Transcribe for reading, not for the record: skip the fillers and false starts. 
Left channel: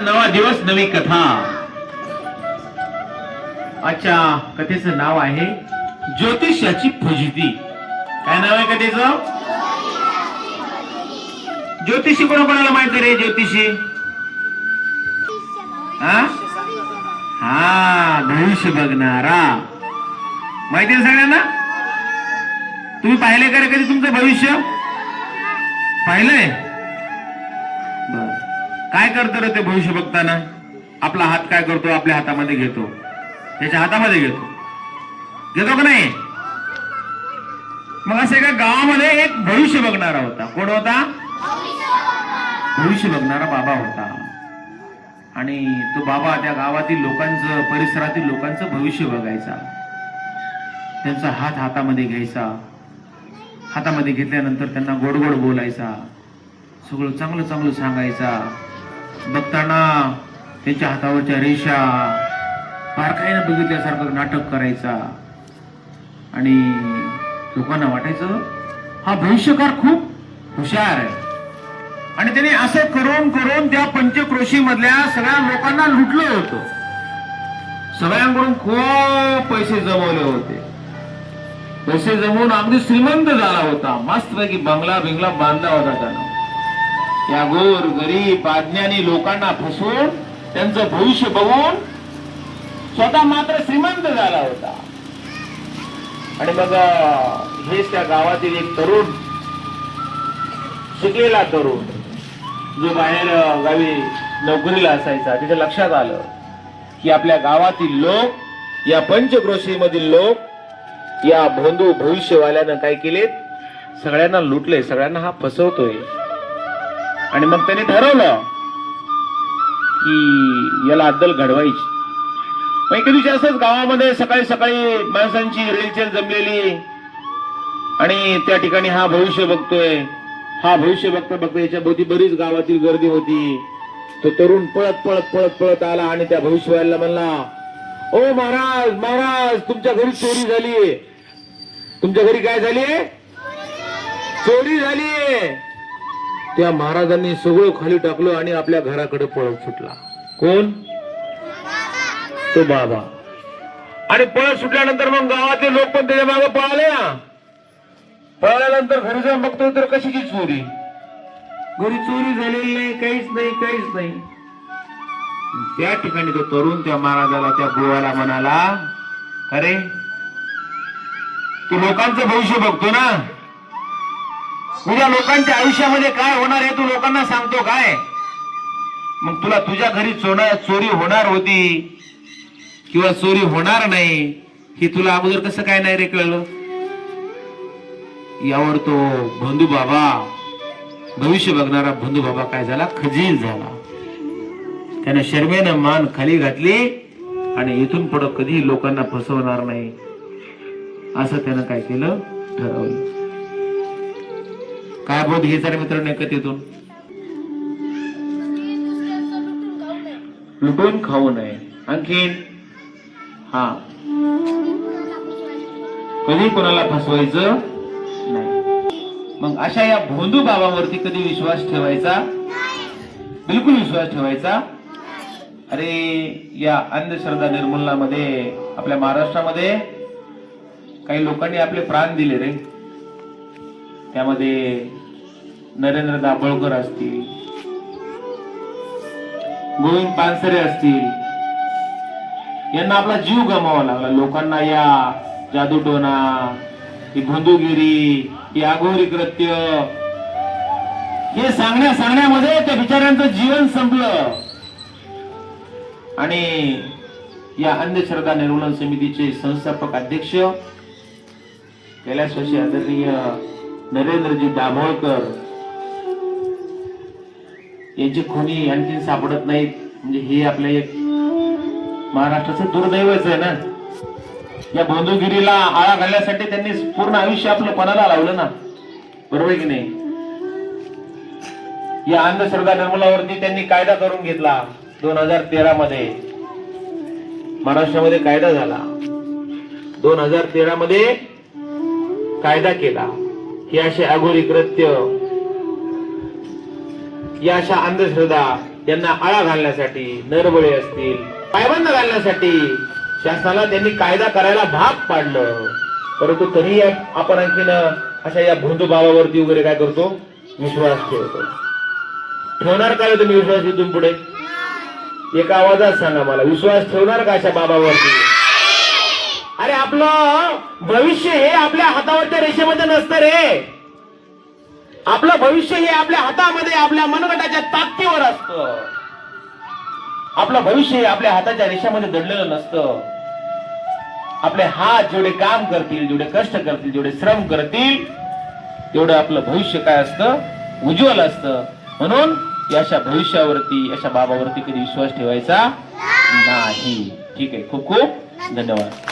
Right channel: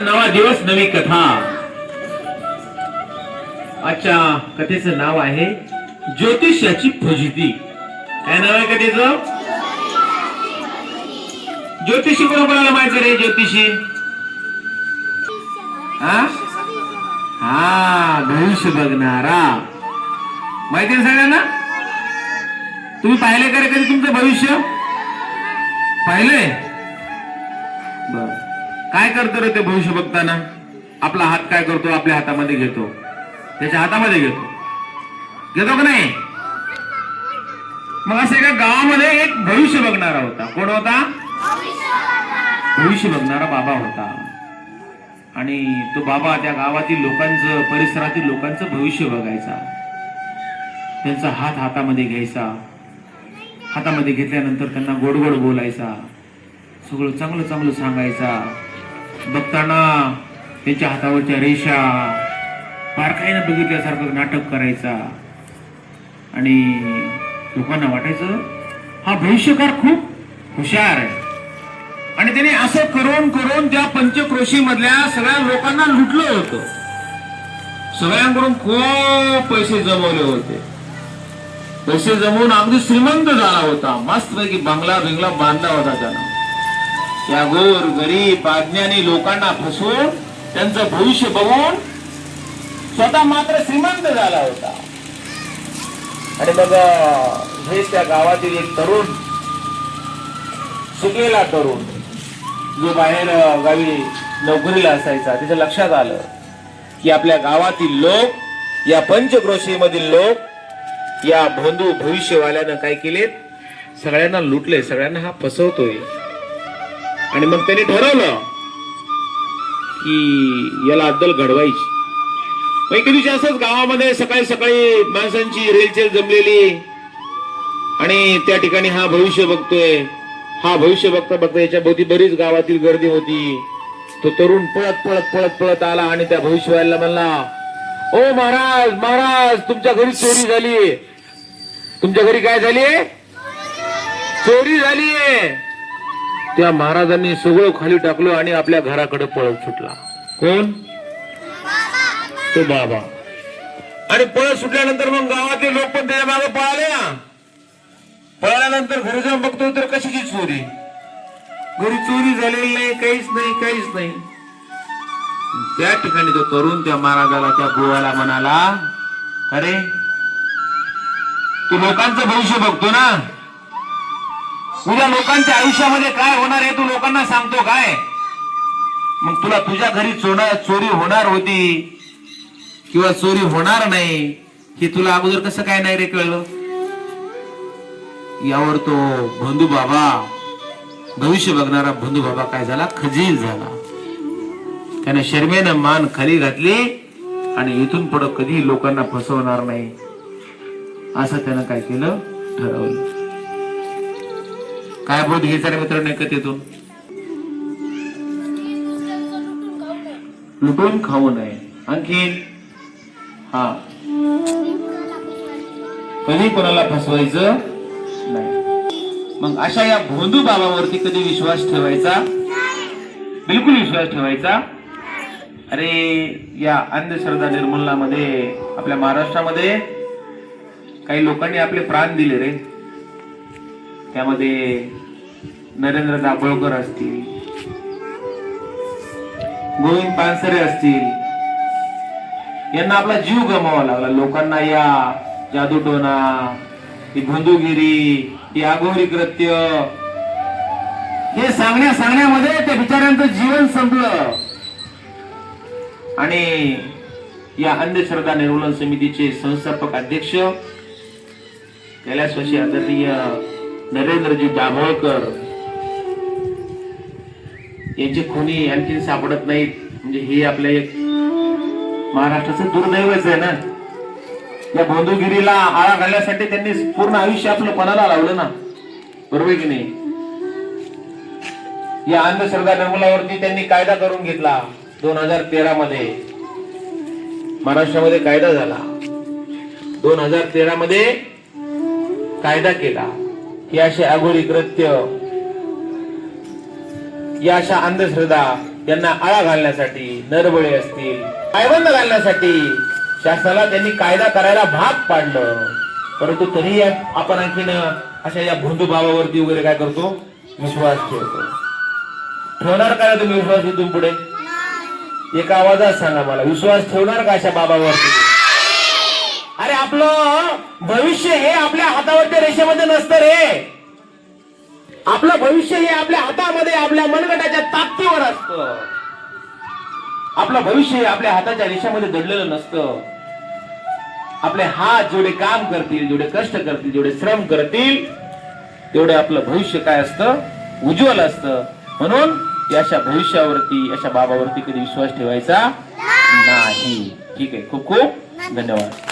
नवा दिवस नवी कथा. आजच्या कथेचं नाव आहे ज्योतिषाची फजिती. काय नाव आहे कथेचं? ज्योतिषी कोणाला माहित रे? ज्योतिषी हा भविष्य बघणारा. माहिती आहे सगळ्यांना? तुम्ही पाहिले का रे कधी तुमचं भविष्य? पाहिलंय? बर. काय करतो रे ते भविष्य बघताना? आपला हात काय करतो? आपल्या हातामध्ये घेतो, त्याच्या हातामध्ये घेतो का नाही? मग असं एका गावामध्ये एक भविष्य बघणारा होता. कोण होता? भविष्य बघणारा बाबा होता. आणि तो बाबा त्या गावातील लोकांचं, परिसरातील लोकांचं भविष्य बघायचा. त्यांचा हात हातामध्ये घ्यायचा. हातामध्ये घेतल्यानंतर त्यांना गोड गोड बोलायचा, सगळं चांगलं चांगलं सांगायचा. बघताना त्यांच्या हातावरच्या रेषा बारकाईनं बघितल्यासारखं नाटक करायचा. आणि लोकांना वाटायचं हा भविष्यकार खूप हुशार आहे. आणि त्याने असं करून करून त्या पंचक्रोशी मधल्या सगळ्या लोकांना लुटलं होतं. सगळ्यांकडून खूप पैसे जमवले होते. पैसे जमवून अगदी श्रीमंत झाला होता. मस्तपैकी बंगला बिंगला बांधला होता त्यानं. या गोर गरीब अज्ञानी लोकांना फसवून त्यांचं भविष्य बघून स्वतः मात्र श्रीमंत झाला होता. आणि मग हेच त्या गावातील एक तरुण, शिकलेला तरुण, जो बाहेर गावी नोकरीला असायचा, त्याच्या लक्षात आलं की आपल्या गावातील लोक, या पंचक्रोशी मधील लोक या भोंदू भविष्यवाल्यानं काय केले? सगळ्यांना लुटले, सगळ्यांना हा फसवतोय. आणि मग त्याने ठरवलं की याला अद्दल घडवायची. मग एके दिवशी असंच गावामध्ये सकाळी सकाळी माणसांची रेलचेल जमलेली. आणि त्या ठिकाणी हा भविष्य बघतोय. हा भविष्य बघता बघता याच्या भोवती बरीच गावातील गर्दी होती. तो तरुण पळत पळत पळत पळत आला आणि त्या भविष्यवाल्याला म्हणला, ओ महाराज महाराज, तुमच्या घरी चोरी झालीये. तुमच्या घरी काय झालीये? चोरी झालीये. त्या महाराजांनी सगळं खाली टाकलं आणि आपल्या घराकडे पळत सुटला. कोण? तो बाबा. आणि पळत सुटल्यानंतर मग गावातले लोक पण त्याच्या मागे पळाले. पळाल्यानंतर घरी जाऊन बघतो तर कशाची चोरी? घरी चोरी झालेली नाही, काहीच नाही, काहीच नाही. त्या ठिकाणी तो तरुण त्या महाराजाला, त्या गोवाला म्हणाला, अरे तू लोकांचं भविष्य बघतो ना, तुझ्या लोकांच्या आयुष्यामध्ये काय होणार आहे तू लोकांना सांगतो काय? मग तुला तुझ्या घरी चोरी होणार होती किंवा चोरी होणार नाही हे तुला अगोदर कसं काय नाही रे कळलं? यावर तो भोंदू बाबा, भविष्य बघणारा भोंदू बाबा काय झाला? खजील झाला. त्याने शर्मेनं मान खाली घातली आणि इथून पुढे कधी लोकांना फसवणार नाही असं त्यानं काय केलं? ठरवलं. काय बोध हे सारे मित्र एकतेतून लुटून खाऊ नये. आणखी हा, कधी कोणाला फसवायचं नाही. मग अशा या भोंदू बाबावरती कधी विश्वास ठेवायचा? बिलकुल विश्वास ठेवायचा. अरे या अंधश्रद्धा निर्मूलनामध्ये आपल्या महाराष्ट्रामध्ये काही लोकांनी आपले प्राण दिले रे. त्यामध्ये नरेंद्र दाभोळकर असतील, गोविंद पानसरे असतील. यांना आपला जीव गमवावा लागला. लोकांना या जादूटोना, ही भोंदूगिरी, ही आघोरी कृत्य हे सांगण्यामध्ये त्या बिचाऱ्यांचं जीवन संपलं. आणि या अंधश्रद्धा निर्मूलन समितीचे संस्थापक अध्यक्ष कैलासवासी आदरणीय नरेंद्रजी दाभोळकर यांचे कोणी आणखी सापडत नाहीत. म्हणजे हे आपले एक महाराष्ट्राचं दुर्दैवच आहे ना. या भोंदूगिरीला आळा घालण्यासाठी त्यांनी पूर्ण आयुष्य आपलं पणाला लावलं ना, बरोबर की नाही? या अंधश्रद्धा निर्मूलनावरती त्यांनी कायदा करून घेतला. 2013 मध्ये महाराष्ट्रामध्ये कायदा झाला. 2013 मध्ये कायदा केला. ही अशी अघोरी कृत्य, या अशा अंधश्रद्धा त्यांना आळा घालण्यासाठी, नरबळे असतील, पायबंद घालण्यासाठी शासनाला त्यांनी कायदा करायला भाग पाडलं. परंतु तरीही आपण आणखीन अशा या भोंदू बाबावरती वगैरे काय करतो, विश्वास ठेवतो. ठेवणार काय तुम्ही विश्वास इथून पुढे? एका आवाजात सांगा मला, विश्वास ठेवणार का अशा बाबावरती? अरे आपलं भविष्य हे आपल्या हातावरच्या रेषेमध्ये नसतं रे. आपलं भविष्य हे आपल्या हातामध्ये, आपल्या मनगटाच्या ताकदीवर असतं. आपलं भविष्य हे आपल्या हाताच्या रेषेमध्ये दडलेलं नसतं. आपले हात जेवढे काम करतील, जेवढे कष्ट करतील, जेवढे श्रम करतील, तेवढं आपलं भविष्य काय असतं, उज्ज्वल असतं. म्हणून अशा भविष्यावरती, अशा बाबावरती कधी विश्वास ठेवायचा नाही. ठीक आहे, खूप खूप धन्यवाद.